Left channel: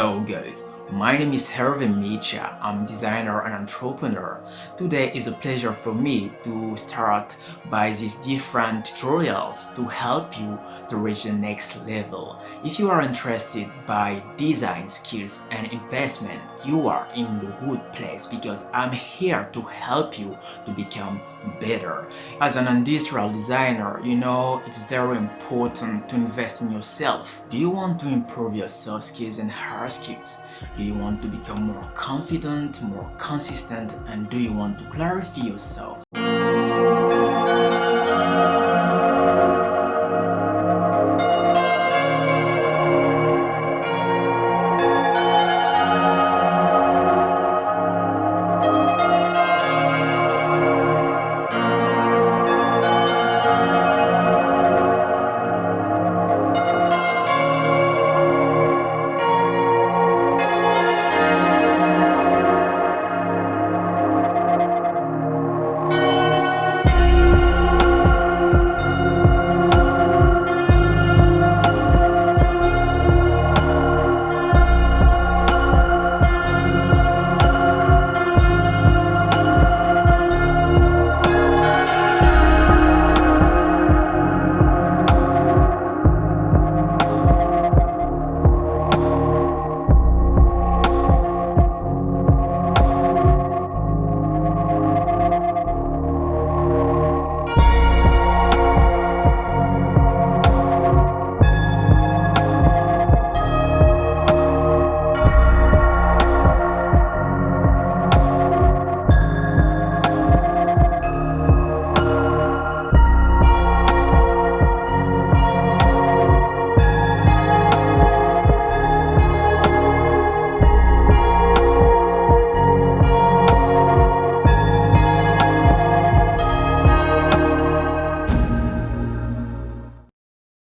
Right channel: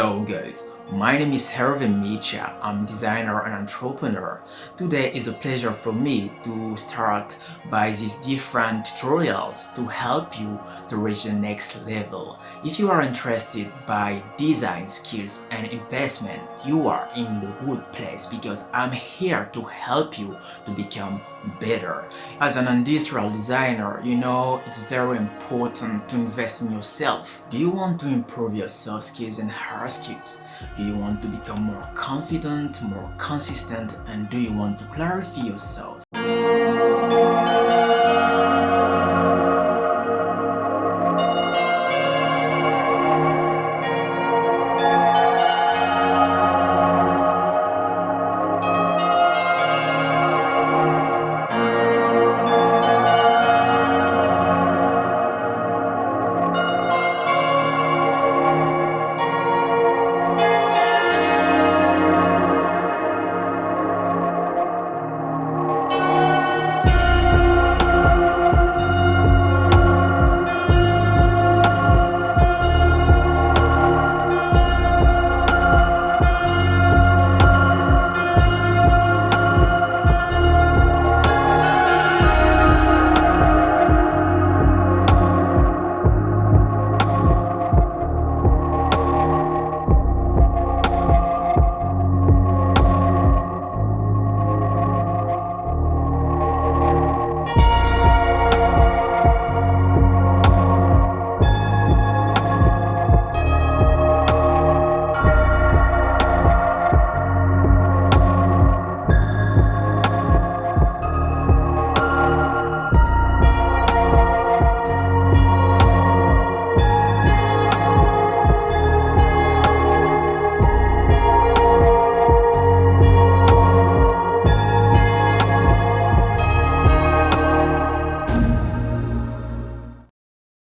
Hello guys, my name is Hervé Micha. I'm designer and entrepreneur. Today is a pleasure for me to start by these different tutorials to help you to reach the next level. If you are interested by design skills and investment, you are in the good place because I'm here to help you to become better. As an industrial designer, it's very important to invest in yourself. Do you want to improve your soft skills and hard skills? Do you want to become more confident, more consistent, and do you want to clarify yourself?